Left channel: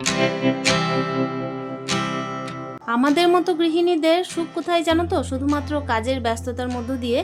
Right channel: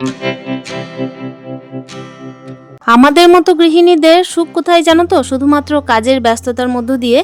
Müzik আমাদের মতো গৃহিণীদের সুখ কোথায় জানো তো? শুধুমাত্র কাজের ব্যস্ততার মধ্য দিয়ে।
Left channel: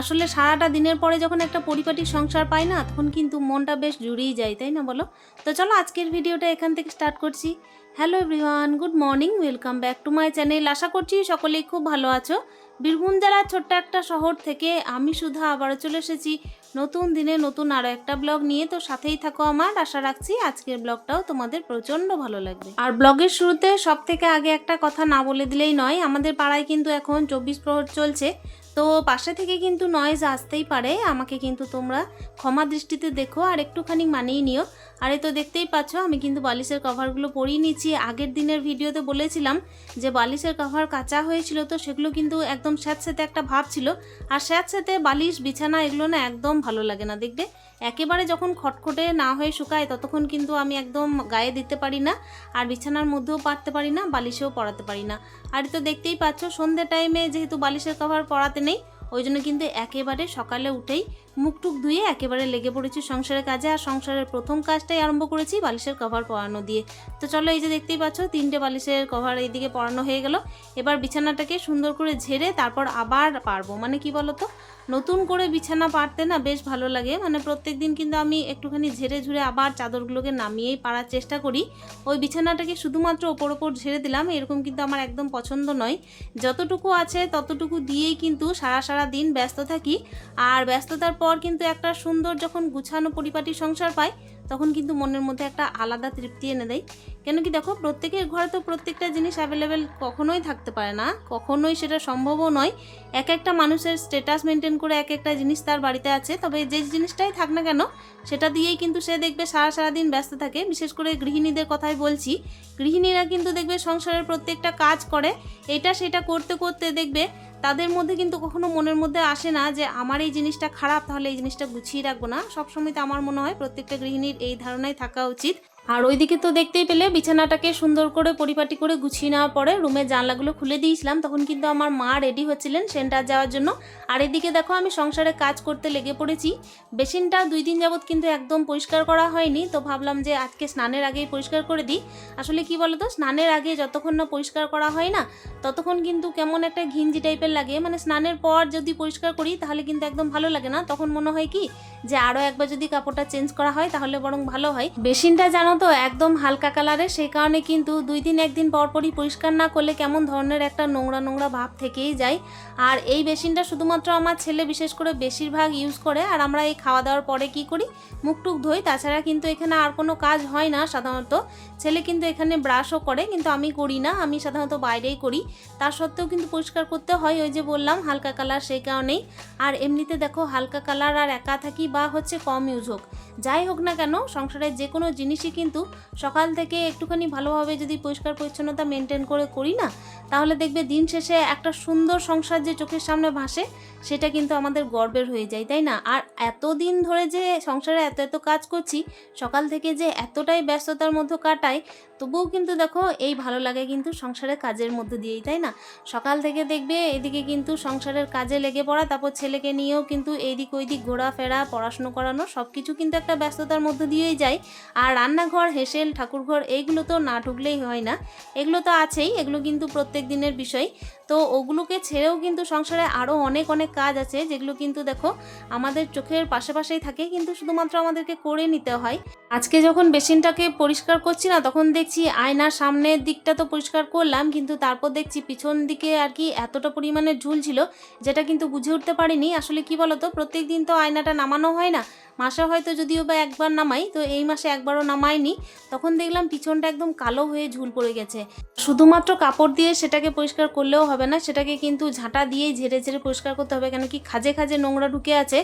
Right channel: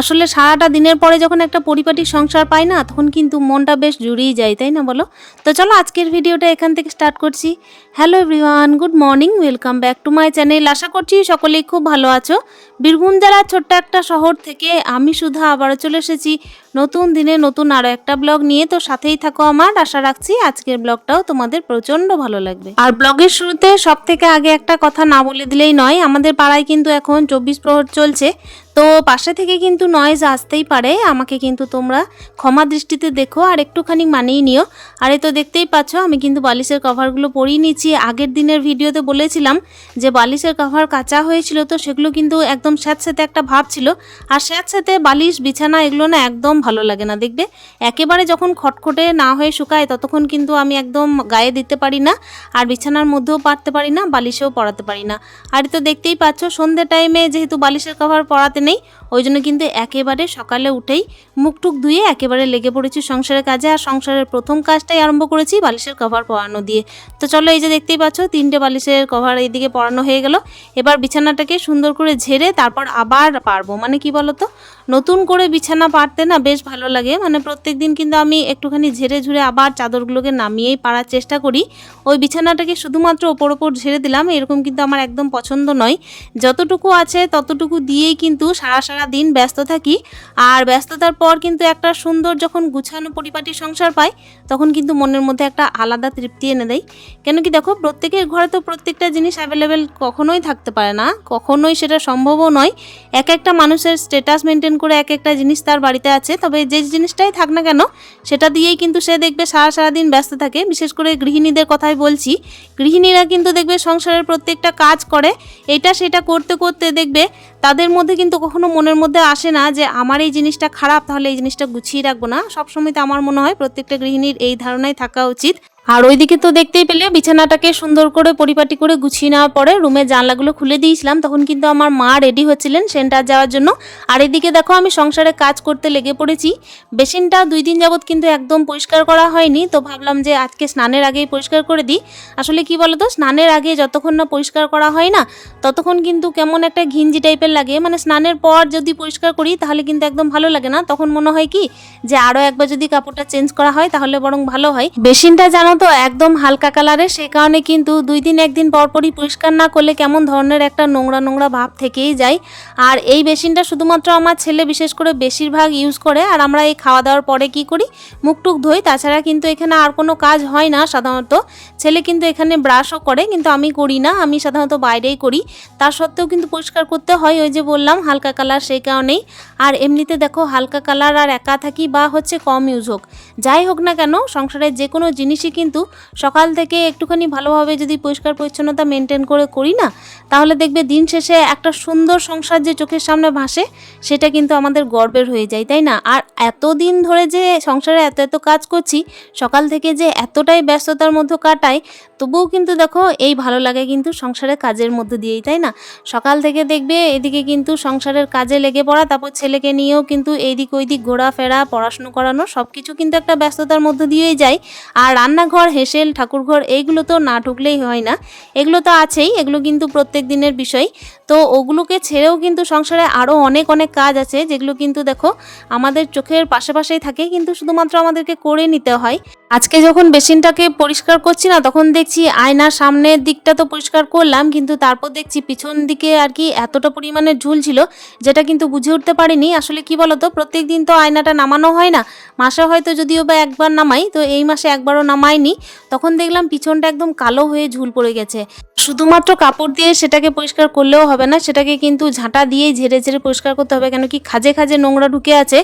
আসলে সারাটা দিনের পরে যখন একটা পরিপাটি সংসার পাই না, তখন কিন্তু মনটা বেশ জুড়িয়ে যায়, তাই না বলো? তো চলো আজকের ভিডিওটা এখান থেকে স্টার্ট করছি। Hello everyone good morning welcome back to my channel আশা করছি সকলেই খুব ভালো আছো। বীরভূম জেলার ছোট্ট একটা শহর থেকে আমি সুধা আবারও চলে এসেছি। নতুন দিনে নতুন আরও একটা ব্লগ নিয়ে। তো সাথেই থাকো আমার। আশা রাখছি আজকের ব্লগটাও তোমাদের প্রচণ্ড ভালো লাগবে। আর ব্লগের শুরুতে সব থেকে আগে একটা কথা না বলে দিলেই নয়। আমাদের পাড়ায় কিন্তু এখন চব্বিশ প্রহর চলছে। তো পাশে থেকে কিন্তু নয়েজ আসতেই পারে, আমাকে কিন্তু তোমরা ক্ষমা দৃষ্টিতে দেখো আর একটুখানি মানিয়ে নিও। আর এই তো দেখতেই পাচ্ছ, আমি কিন্তু বালিশের কভারগুলো পরিয়ে নিচ্ছি। আগের দিনের ভিডিওতে বলেছিলাম যে বালিশের কভার কাঁচা হয়েছিল, তো সেগুলো কিন্তু একদম স্যাঁতস্যাঁতে একটা ভাব ছিল। আর স্যাঁতস্যাঁতে বালিশ, বিছানা এগুলো না একদম ভালো লাগে না, দেখবে? একেবারে যখন খটখটে না হয়ে শুকায়, ততক্ষণ কিন্তু আমি একদম গায়ে দিতে পারি না, আর বিছানার মধ্যেও পারতে পারি না, বালিশেও পরাতে পারি না। আর তো দেখতেই পাচ্ছ, সন্ধ্যে টাইমে যেহেতু বালিশের কভার পরাতে নেই, ওই জন্য কিন্তু একেবারে সকালে উঠেই মুখ টুক ধুয়ে একেবারে লেগে পড়েছি সংসারের কাজে। আর সংসারের প্রথম কাজটাই আরম্ভ করেছি বালিশের কভার পরানো দিয়ে। তো চলো এই যে দেখতেই পাচ্ছ, তিনটে বালিশের কভার এইদিকে পরানো হয়ে গেল। এবার বিছানাটাকে সুন্দর করে ঝেড়ে তারপর আবার পারব। মানে কি বলতো? নতুন করে বিছানা পারতে না বেশ ভালো লাগে। মানে প্রত্যেক দিন কিন্তু আমি একটুখানি ঝেড়ে ঝুড়ে আবার চাদরগুলোকে নামিয়েই পারার চেষ্টা করি। ওই বিছানাটাকে শুধুমাত্র ওপর ওপর ঝেড়ে দিলাম, এরকম কিন্তু আমার একদম পছন্দ নয়। যতটুকু আছে ততটুকু দিয়েই কিন্তু সারা সারা দিন ব্যস্ত থাকি, আর ব্যস্ততার পর কিন্তু একটা সুন্দর যখন গুছানো পরিপাটি সংসার পাই, তখন কিন্তু মনের মধ্যে একটা আলাদা তৃপ্তি এনে দেয়। কেন কি দেখো, প্রত্যেকের ঘরে তো প্রত্যেকটা জিনিস অ্যাভেলেবেল কখনোই থাকতে পারে না। কখনোই সেটা সম্ভবও নয়। এক একটা মানুষের স্টেটাস মেনটেন করে এক একটা জিনিস তার বাড়িতে আছে। তবে যে জিনিসটাই থাক না কেন, সেটা দিয়েই কিন্তু সে দেখবে সারা সারা দিন ব্যস্ত থাকে। বিশেষ করে গৃহিণীদের কথাই বলছি, গৃহিণীরা কিন্তু দেখবে সংসারের প্রত্যেকটা কাজ করে। এটা সেটা করতে করতে দেখবে তাদের মধ্যে কিন্তু কখনো মনের মধ্যে আসে না যে আমার এই জিনিসটা খারাপ, তাহলে এই জিনিসটা গুছিয়ে রাখব না। সবসময় তো আমার মনে হয় প্রত্যেকটা গৃহিণীর এই ধারণাই থাকা উচিত। আর ওইদিকে তো দেখতেই পেলে, বিছানাটাকে সুন্দর করে পরিপাটি করে গুছিয়ে নেওয়ার পরে রুমের জানলাগুলো খুলে দিয়েছিলাম, তখন কিন্তু আমার মা রেডি হচ্ছিলেন সেন্টার যাওয়ার জন্য। আর এদিকে দেখো, আমি সংসারে কাজ করতে লেগে পড়েছি। বেসিনটা দুই দিন যাবত কিন্তু একদম পরিষ্কার করা হয়নি, তো ভাবলাম যে আজকে স্নানের আগেই পরিষ্কার করে দিই। আসলে কি বলতো, স্নানের আগে যতক্ষণ না পরিষ্কার করা হয় না, ততক্ষণ কিন্তু কেমন একটা ঘিঞ্জি টাইপের লাগে। মানে স্নানের পর যদি পরিষ্কার করি, তাহলে কিন্তু একদম ভালো লাগে না। তখন মনে হয় কি, যে আরও একবার যদি কাপড়টা চেঞ্জ করা হয়, তাহলে বরং ভালো হয়। বেসিনটা জানো তো একদম হালকা কালারের সেই কারণে কিন্তু দুই দিন, একদিন পরপরই পরিষ্কার না করলে কেমন ধরনের একটা নোংরা নোংরা ভাব থেকেই যায়। আর এই বেসিনটা শুধুমাত্র আমার ছেলে বিশেষ করে বেশিরভাগ ইউজ করে, আর আমরা এই খাওয়া দাওয়ার পরে কি করি? মুখ টুক ধুই, তাছাড়া কিন্তু এখানে আর কোনো কাজ হয় না সাধারণত। ছেলে কিন্তু এখানে ব্রাশও করে, কিন্তু আমি করি না, আমি সাধারণত বাইরেই করি। তার সত্ত্বেও কিন্তু পরিষ্কার করতে হয়, ওই যে বললাম, হালকা কালার সেই কারণেই। আর এমনিতে দেখো, হালকা কালার আর একা থাকি বা হচ্ছে কম ইউজ হোক। যাই হোক না কেন, সংসারের যে কোনো জিনিসই কিন্তু সকাল থেকে একটুখানি ভালোভাবে যদি পরিষ্কার পরিচ্ছন্নতা মেনটেন করে করি না, তাহলে দেখবে দিন শেষে একটা সুন্দর সংসার যে চোখের সামনে ভাসে, সেটা কিন্তু আমাদের গর্বের হয়ে যায়, তাই না? আর এতদিন ধরে যে সংসারে এত এত কাজ করছি, সকাল থেকে যে এতটাই ব্যস্ততার মধ্যে কাটাই, তবুও কিন্তু দেখো এই ভালো লাগে কিন্তু সংসারের কাজের মধ্যে দিয়েই, তাই না? সকাল থেকে দেখবে এদিকে কিন্তু সংসারের কাজে লেগে পড়া, তারপর ছেলেকে নিয়েও কিন্তু এইদিক ওইদিক ঘোরাফেরা, পড়াশুনো করানো সব কিছু কিন্তু একটা ব্যস্ততার মধ্যে দিয়েই যায়। আর রান্নাঘর হেসেল, ঠাকুরঘর, এইগুলো তো না ঢুকলেই হয় না। এগুলো তো আছেই, এগুলো কিন্তু প্রত্যেক দিনের বিষয়। তো ওগুলোকে ছেড়েও কিন্তু সংসারে আরও অনেক অনেক কাজ আছে, যেগুলো কিন্তু দেখো আমাদের চোখের পাশে পাশেই থাকে, কিন্তু শুধুমাত্র আমাদেরকে করে নিতে হয়। আজকে যখন বেসিনটাকে পরিষ্কার করছি না, তখন দেখছি আয়নার সামনের দিকটা তো পরিষ্কার করলাম, কিন্তু তারপর দেখছি পিছন দিকে আর কি এতটা পরিমাণে ঝুল ছিল, যেটা কিন্তু বুঝে উঠতে পারিনি। আসলে কি বলতো প্রত্যেক দিন তো আয়নাটা নামানো হয় না, মাসে হয়তো যদিও বা একবার নামাই, তো এই মাসে একবারও নামাইনি। তখন দেখলাম পিছনটা একদম কালো হয়ে ঝুল পড়ে গেছে। শুধুমাত্র কাপড় দিয়ে সেটাকে পরিষ্কার করলেও না, সেটাকে কিন্তু ঝাঁটা দিয়েই ঝেড়ে ঝেড়ে পরিষ্কার করতে হবে। কেন কি খাজে খাজে নোংরা ঢুকে আছে।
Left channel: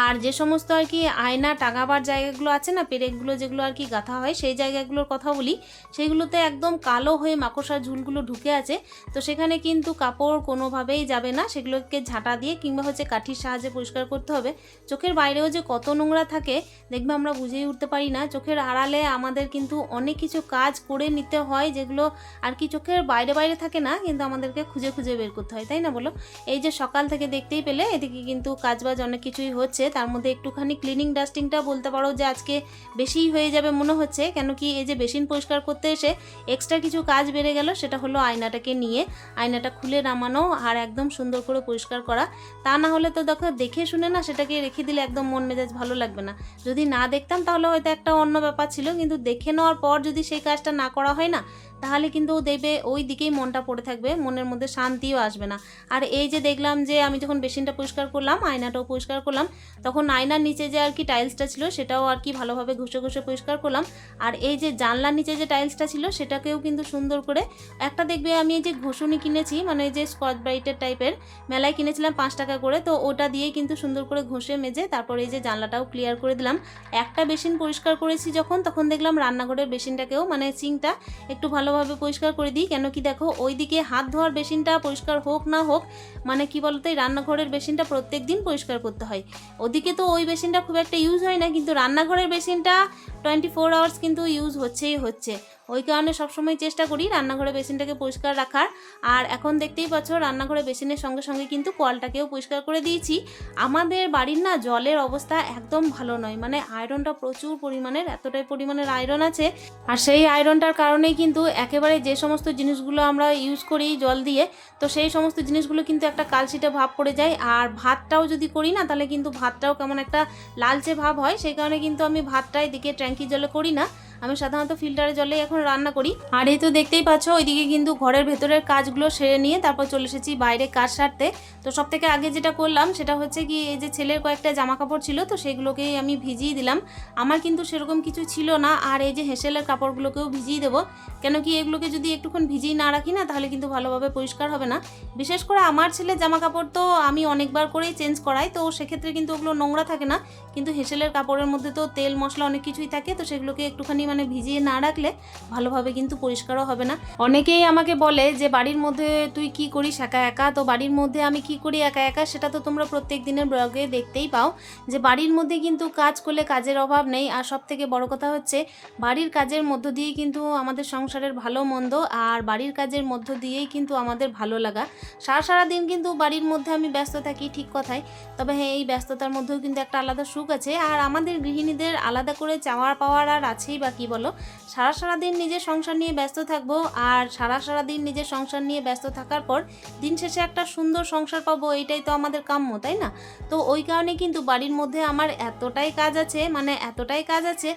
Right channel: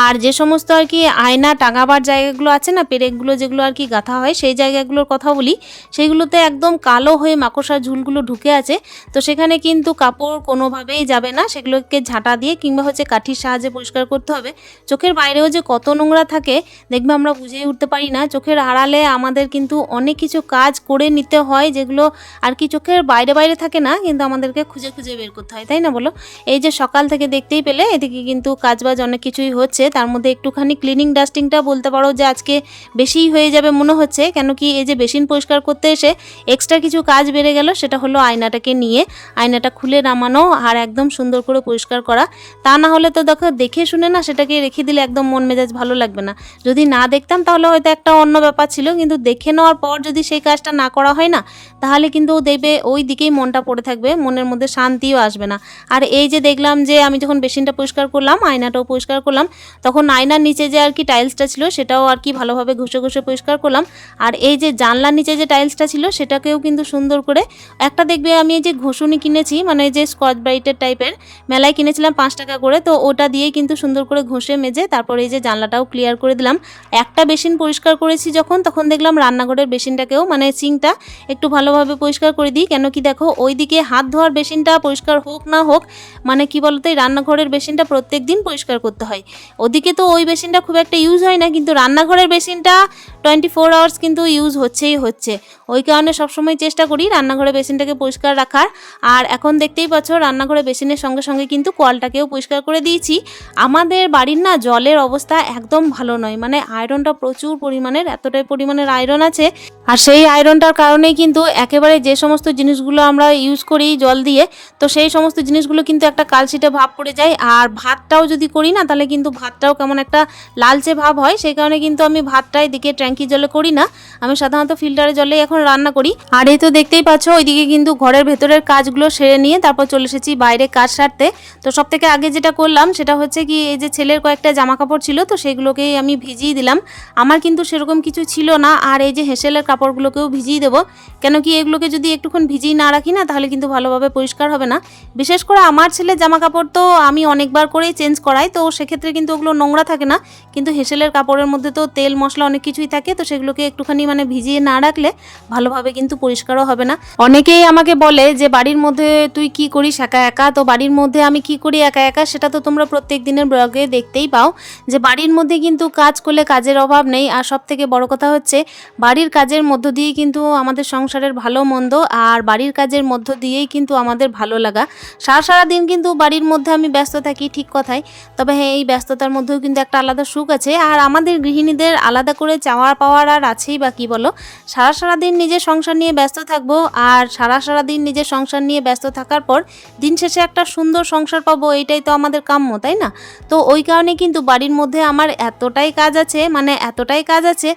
আর যে সমস্ত আর কি আয়না, টাঙাবার জায়গাগুলো আছে না, পেরেকগুলো যেগুলো আর কি গাঁথা হয়, সেই জায়গাগুলোর কথা বলি, সেইগুলোতে একদম কালো হয়ে মাকড়সা ঝুলগুলো ঢুকে আছে। তো সেখানে কিন্তু কাপড় কোনোভাবেই যাবে না, সেগুলোকে ঝাঁটা দিয়ে কিংবা হচ্ছে কাঠির সাহায্যে পরিষ্কার করতে হবে। চোখের বাইরেও যে কত নোংরা থাকে, দেখবে আমরা বুঝেই উঠতে পারি না। চোখের আড়ালে আমাদের কিন্তু অনেক কিছু কাজ করে নিতে হয়, যেগুলো আর কি চোখের বাইরে বাইরে থাকে না, কিন্তু আমাদেরকে খুঁজে খুঁজে খুঁজে বের করতে হয়, তাই না বলো? এই যে সকাল থেকে দেখতেই পেলে, এদিকে কিন্তু কাজবাজ অনেক কিছুই হচ্ছে, তার মধ্যে একটুখানি ক্লিনিং ডাস্টিংটা বলতে পারো যে আজকে বেশিই হয়ে যাবে মনে হচ্ছে, কেন কি এই যে বেসিন পরিষ্কার করতে এসে এক্সট্রা কিছু কাজ বেড়ে গেল, সেটা হলো আয়নাটাকে নিয়ে, আয়নাটা খুলে নামানো আর একদম সুন্দর করে পরিষ্কার করা। তা না হলে তো দেখো, দেখে শুনে না সেটাকে রেখে দিলে একদম মন মেজাজ ভালো লাগবে না। যদি না দেখতাম তাহলে হয়তো একটা অন্য ব্যাপার ছিল, কিন্তু দেখে নেওয়ার পর যদি সেই কাজটা না করা হয় না, তাহলে কিন্তু দেখবে ওই দিকেই মনটা পড়ে থাকবে, মনের মধ্যে শান্তিও আসবে না। আর এই যে দেখলাম যে আমি যখন বেসিনটা পরিষ্কার করলাম, আয়নাটাও পরিষ্কার করলাম, তখন আয়নার নিচে যে আর কি টাইলসটা ছিল, সেটাও আর কি ভালোভাবে ঘষে ঘষে পরিষ্কার করলাম। আর এই যে জানলার নিচে যে টাইলসটা ছিল, সেটাকেও কিন্তু সুন্দর করে একটা দেখবে আমি এই যে ঘষুনি কিনেছি মানে এই যে স্কচ ব্রাইটের টাইপের, মেলায় কিনেছিলাম পাঁচ টাকা করে, তো ওটা দিয়েই কিন্তু সুন্দর করে ঘষে মেজে তারপরে এই যে জানলাটাও ক্লিয়ার করে দিলাম। একটা বেসিন পরিষ্কার করেছি যখন, তখন দেখলাম রান্নাঘরের বেসিনটাকেও মানে সিঙ্কটা একটু ভালোভাবে পরিষ্কার করে দিই, কেন কি দেখো, ওইদিকে হাত ধোয়ার বেসিনটা পরিষ্কার হোক না হোক মানে কি বলতো, এই রান্নাঘরের বেসিনটা প্রত্যেক দিন পরিষ্কার করতে হয়। ওদিকে তো ওই বেসিনটা খুব একটা ইউজ হয় না, কিন্তু রান্নাঘরের বেসিনটা টোয়েন্টি ফোর আওয়ার্স কিন্তু ইউজ হচ্ছেই হচ্ছে। ওই কারণে সবসময় চেষ্টা করি রান্নাঘরের বেসিনটাকে পরিষ্কার রাখার। আর এখন দেখতেই পাচ্ছ, রান্নাঘরের বেসিনের সঙ্গে সঙ্গে কিন্তু কলটাকেও পরিষ্কার করে দিয়েছি। আমাদের বাড়ির না জলের অবস্থা একদম ভালো নয় মানে আয়রনটা প্রচুর পরিমাণের, এতটাই পরিমাণের আয়রন আছে। আর সেই আয়রনটার কারণেই কিন্তু একেবারে যে সমস্ত জিনিসগুলো আমরা ইউজ করি জল দিয়ে তো সেই সমস্ত জিনিসগুলো কিন্তু একটা কালশিটে ভাব পড়ে যায়। আর ভাতটাও যদি করি না, তাহলে কিন্তু ভাতটাও কেমন একটা লালচে ভাব হয়। সেই কারণে কিন্তু আমি ভাতটা এদিকে ট্যাঙ্কি জলে করি না। আমি সাধারণত ফিল্টারের জলে এখন রান্না করি। আর এই তো দেখতেই পাচ্ছ, ওইদিকে কিন্তু ঘরের ভেতরের কাজগুলো সেরে নিয়ে তারপর চলে এসেছি বাইরে কাজ সারতে। তো সব থেকে আগে যেটা করলাম, সেটা হচ্ছে কি, এই যে ছেলের কয়েকটা জামা কাপড় ছিল, তো সেগুলোকেই আমি ভিজিয়ে দিলাম। আমার কিন্তু সেরকম কিছু ছিল না, আর এই যে হেসেলের কাপড়গুলোকেও ভিজিয়ে দেবো। কেন কি, এগুলোকে যদি একটুক্ষণ ভিজিয়ে না রাখি না, তাহলে কিন্তু ভালোভাবে পরিষ্কার হবে না। বিশেষ করে আমার ছেলের জামা কাপড় তো আমি অনেকবার করেই চেঞ্জ করাই, তো সেক্ষেত্রে কিন্তু ওগুলো নোংরা থাকে না। কিন্তু হেসেলের কাপড়ের মধ্যে তো তেল, মশলা অনেক কিছুই থাকে, তো সেগুলোকে একটুখানি মানে ভিজিয়ে না রাখলে ভালোভাবে কিন্তু পরিষ্কারও হবে না। অনেকেই আমাকে বলে যে, বাড়ির মধ্যে তুই কি করিস একা একা? তো বাড়ির মধ্যে আমি কি করি একা একা, সেটা তো তোমরা প্রত্যেক দিনের ব্লগে দেখতেই পাও। যে বাড়ির মধ্যে কিন্তু কাজ করলে কাজের অভাব নেই, আর সব থেকে বড় কথা হচ্ছে, বাড়ির কাজের মধ্য দিয়ে কিন্তু আমাদের সংসারের ভালো মন্দ, আর বাড়ির কাজের মধ্য দিয়েই কিন্তু আমাদের ভালো লাগা। সারা সারা দিন কিন্তু বাড়ির মধ্যে আমি ব্যস্ত থাকি, ঠিক কথাই। তবে হ্যাঁ এই ব্যস্ততার মধ্যেও কিন্তু একটা আলাদা সুখ আছে। আর আমাদের গৃহিণীদের আলাদা করে চাওয়ার পাওয়ার আর আছেই বা কী বলো? সারা সারা দিন নিজের সংসার নিয়ে ব্যস্ত থাকব আর সারা সারা দিন নিজের সংসার নিয়ে ব্যস্ত থাকার পর দিন শেষে একটা সুন্দর সংসার পাবো এটাই তো আমাদের কাম্য, তাই না? তো ওই কারণে কিন্তু বাড়ির মধ্যে আমার এতটাই কাজ আছে মানে এতটাই কাজ আছে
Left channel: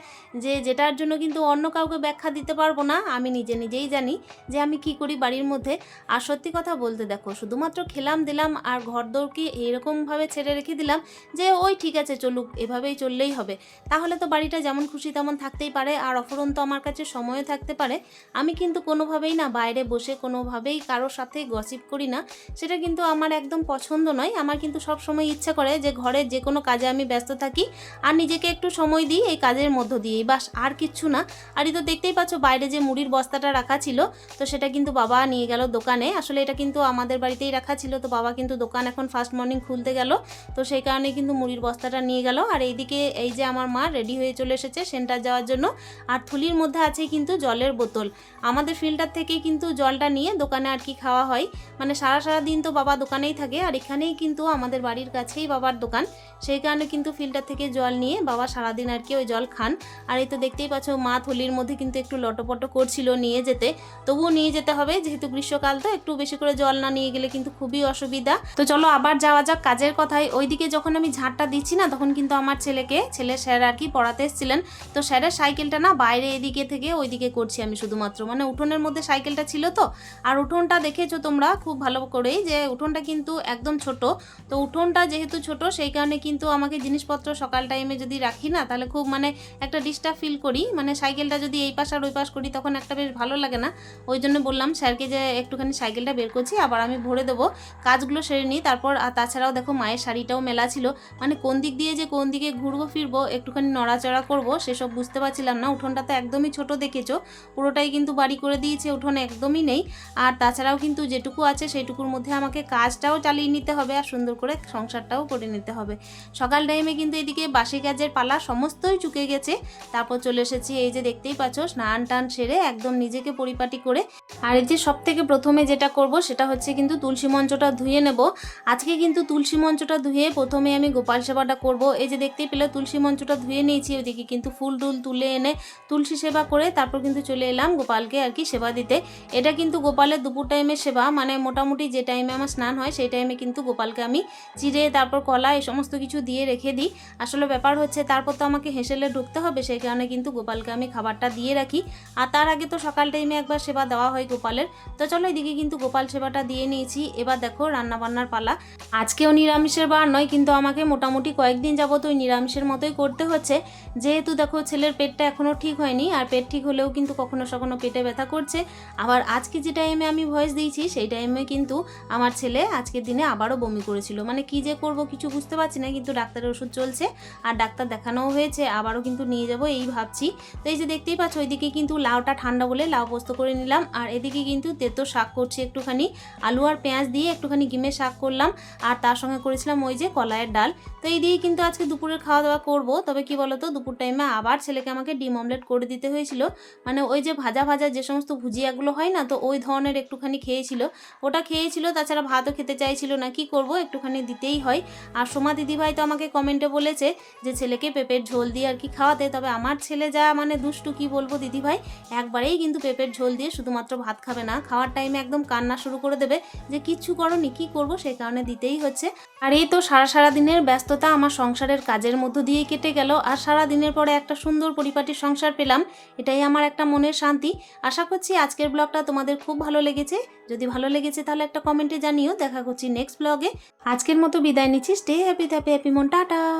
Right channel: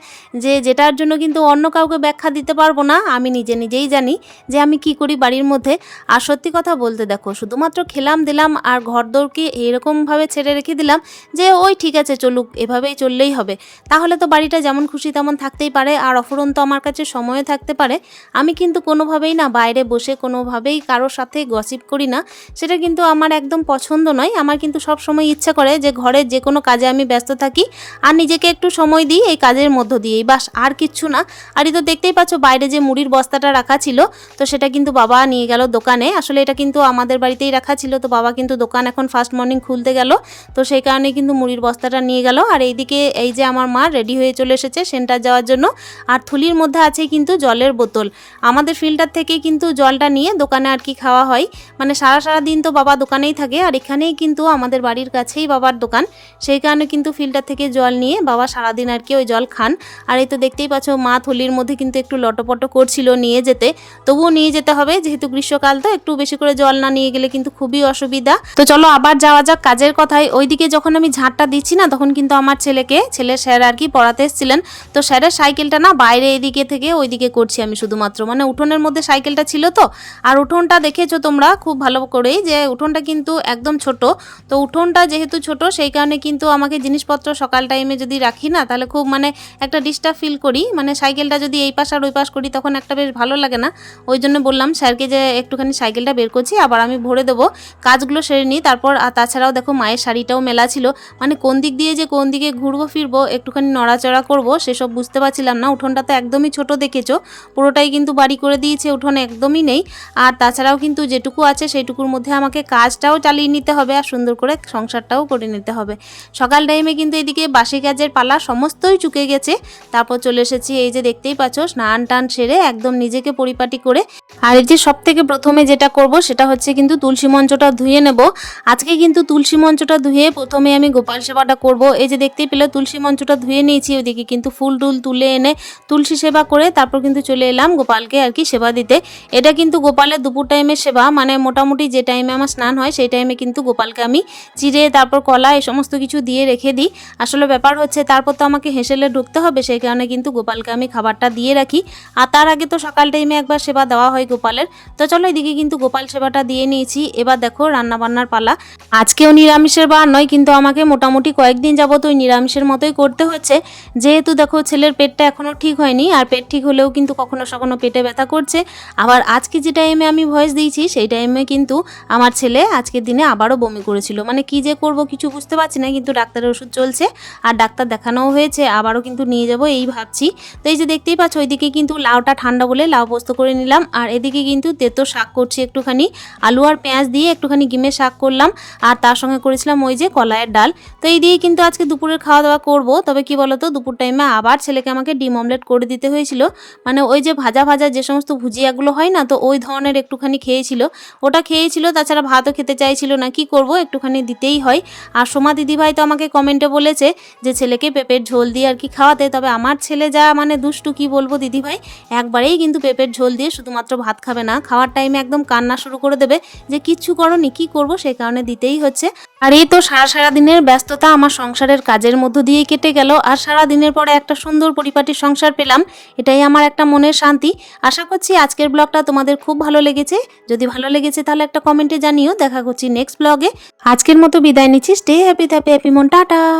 যে যেটার জন্য কিন্তু অন্য কাউকে ব্যাখ্যা দিতে পারব না। আমি নিজে নিজেই জানি যে আমি কি করি বাড়ির মধ্যে। আর সত্যি কথা বলতে দেখো, শুধুমাত্র খেলাম, দিলাম আর ঘর দৌড়কে এরকমভাবে ছেড়ে রেখে দিলাম যে, ওই ঠিক আছে, চলুক, এভাবেই চললেই হবে। তাহলে তো বাড়িটা যেমন খুশি তেমন থাকতেই পারে আর অফুরন্ত আমার কাছে সময়ও থাকতে পারে। আমি কিন্তু কোনোভাবেই না বাইরে বসে কোনোভাবেই কারোর সাথে গসিপ করি না। সেটা কিন্তু আমার একদম পছন্দ নয়। আমার কিন্তু সব সময় ইচ্ছা করে যে ঘরের যে কোনো কাজে আমি ব্যস্ত থাকি আর নিজেকে একটু সময় দিই এই কাজের মধ্য দিয়েই। বাস, আর কিচ্ছু না। আর তো দেখতেই পাচ্ছ বাইরে যে মুড়ির বস্তাটা রাখা ছিল, তো সেটা কিন্তু বাবা নিয়ে গেল দোকানে। আসলে এটা কিন্তু আমাদের বাড়িতেই রাখা ছিল। তো বাবা কিন্তু দোকান এখন ফার্স্ট মর্নিং খুলতে গেল। তো সেই কারণে কিন্তু মুড়ির বস্তাটা নিয়ে গেল। আর এইদিকে এই যে আমার মা রেডি হয়ে চলে এসেছে সেন্টার যাওয়ার জন্য। আর থলির মধ্যে আছে কিন্তু জলের বোতল। আমাদের ফিল্টার থেকেই কিন্তু জলটা নিয়ে দোকানে আর কি খাওয়া হয়। মানে সারা সারা দিন তো বাবা দোকানেই থাকে। আর এখানেই কিন্তু আমাদের বাড়ির কাছেই বাবার দোকান। সেই কারণে কিন্তু ফিল্টার থেকে জল নিয়ে বাবা সারাদিন আর কি ওই জল খান। আর এই তো দেখতেই পাচ্ছ মা থলির মধ্যে কিন্তু একটু লটপট করছিল নিয়ে যেতে। তবুও নিয়ে যেতে হবে। যেহেতু গ্রীষ্মকাল, তো একটু বেশি করে জল না নিয়ে গেলে কিন্তু খুবই অসুবিধা। তো চলো আবার যাওয়া যাক কাজের কথায়। ওইদিকে যখন আমি ঝাঁটটা দিচ্ছি না, তখন কিন্তু আমার ছেলেকে ছেলে স্যার আর কি পড়াতে এসেছিলেন। তো স্যারের সাইকেলটা না বাইরে এদিকে থেকে ওইদিকে করছি আমি শুধুমাত্র। মানে উঠোনের মধ্যে সাইকেলটা ছিল তো। আর উঠোনটা দেখেছ তোমরা খুব ভালো করেই যে উঠোনটা কিন্তু একদম ছোট। তো উঠোনটা যেহেতু ছোট, সেই কারণে কিন্তু আমাকে জিনিসপত্র সকাল টাইমে যদি রাখি না, তাহলে খুব মানে একটা ডিস্টার্ব ফিল করি। মানে সাইকেলটা যদি এই পাশ আর ওই পাশ করি, তখন একটা বেশ ভালো লাগে না। ওই জন্য বললাম স্যারকে যে একটুখানি সাইকেলটা বের করছি, আবার আমি ভরে দেবো। কাজগুলো সেরে নিই, তারপর তাছাড়াও দেখো মায়ের শাড়িটাও মেলা ছিল। মানে কোন দিক দিয়ে যে কোন দিকে ঘুরবো, ফিরবো, একটুখানি নড়াচড়া করব, সেসব বুঝতে পারছিলাম না। উঠোনটা তো একদমই ছোট দেখেছ, পুরোটাই কিন্তু বাড়ি করে দিয়েছে, উঠোন একদমই নেই। আর তাছাড়াও কিন্তু যেটুকু আছে, সেইটুকুর মধ্যে আমাকে কাজটাও চালিয়ে নিতে হবে, আর সুন্দর করে সংসারটাও করে নিতে হবে। সকাল টাইমে কিন্তু এদিকে বাসি কাজের পালা সমস্তই চুকে গেছে। তারপর চলে এসেছি, এই যে দেখতেই পাচ্ছ, স্নান টান সেরে একদম নিজেকে পরিপাটি করে। আর এই যে সব থেকে প্রথমে যেটা করব, সেটা হচ্ছে কিন্তু তুলসী মঞ্চটা ধুয়ে নেব। আজকে কিন্তু তুলসী মঞ্চটা ধুয়ে প্রথমে আমি গোপাল সেবাটা করব। এই যে দেখতেই পেলে তুলসী মঞ্চটা ধুয়ে নিয়েছি, ওইদিকে কিন্তু ফুল টুল তুলে এনে তুলসী সেবা করে তারপর কিন্তু চলে এলাম গোপালকে আর কি সেবা দিতে। এটা কিন্তু গোপালের দুপুর টাইমের সেবা মানে মোটামুটি যে টাইমে আমার স্নান হয় সেই টাইমে কিন্তু গোপালকে আমি চিড়ে, তারপর কলা, এই সমস্ত কিছু দিয়ে রেখে দিই। আসলে ব্যাপার হচ্ছে তারপর তো আমাকে হেসেলে ঢুকতে হবে, সেই কারণে কিন্তু গোপালকে আমি খাবারটা দিয়ে রাখি। আর তার আগে তো সকাল টাইমে একবার সেবা দেওয়া হয় গোপালের। তো চলো এদিকে কিন্তু গোপাল সেবাটা দিয়ে নিয়েছি। এবার দেখো রান্না বান্নার পালা। আজকেও নিরামিষের বার নয়, কিন্তু আমাকে মোটামুটি কয়েকদিন যাবত ওই নিরামিষের মতোই করতে হচ্ছে। যেহেতু দেখো ছেলের পেটটা এখনও ঠিক হয়নি, আর পেট ঠিক হলেও কিন্তু কখনো সখনো পেটে ব্যথা করছে। আবার আজকে যে টাইমে আমি ভয়েস দিয়েছি, সেই টাইমে কিন্তু আমার ছেলে আজকের দিনে আবারও বমি করেছিল। মানে কি যে করব কিছু বুঝতে পারছি না, কিন্তু ডাক্তারের ওষুধ চলছে আর ডাক্তার দেখানোও হয়েছে, আবারও কিন্তু নিয়ে যাব এই ভাবছি। তো এই যে দেখতেই পাচ্ছ, ওইদিকে কিন্তু লাউটা ঠান্ডা বলে লাউ পোস্ত করে নিলাম, আর এদিকে কিন্তু তেতো শাক করছি একটুখানি আলু আর পেঁয়াজ দিয়ে একটুখানি গিমে শাক করলাম, আর তার সঙ্গে করেছিলাম ওই যে কলাইয়ের ডাল। তো এই দিয়ে কিন্তু আজকে দুপুরের খাওয়া দাওয়া করব। তবে কি বলতো, দুপুর টাইমে আবার ছেলেকে আমাকে ডিম অমলেট করে দিতে হয়েছিল। মানে ওই যে ভাজা ভাজা যে সমস্ত ভুজিয়াগুলো হয় না, তো ওই ধরনের একটুখানি খেয়েছিল। ওটা খেয়েছিল, তাছাড়া ভাতও খেতে চাইছিল না। কি করব, একটুখানি দিতেই হয়। আর সোমা দিদিভাই তো আমাকে কমেন্টে বলেছে যে, ছেলেকে পেঁপের ঝোল দিয়ে আর কি খাওয়াতে। তবে আমার ছেলে যা মানে দুষ্টু, কি বলব দিদিভাই? একবারেই কিন্তু পেঁপের ঝোল দিয়ে শুধুমাত্র ভাত খাবে না। খাওয়ার টাইমে একদম কান্না শুরু করে দেবে যে কিচ্ছু করনি, কি করব সেই কারণে দিতেই হচ্ছে। আর এই তো সারা সারা দিনের ব্যস্ততা আমার সংসারের কাজের মধ্য দিয়েই কেটে গেল। আর সারা দিনের পরে একটা সুন্দর পরিপাটি সংসার পেলাম। এটাই আমার একটা মনের শান্তি। আশা করছি আজকের ব্লগটা তোমাদের খুব ভালো লেগেছে। যদি ভালো লেগেছে তাহলে একটা কমেন্টে জানিও। দেখা করছি নেক্সট ব্লগে। আজকের মতো বিদায় নিচ্ছি। স্টে হ্যাপি হ্যাপি হ্যাপি মন। টাটা।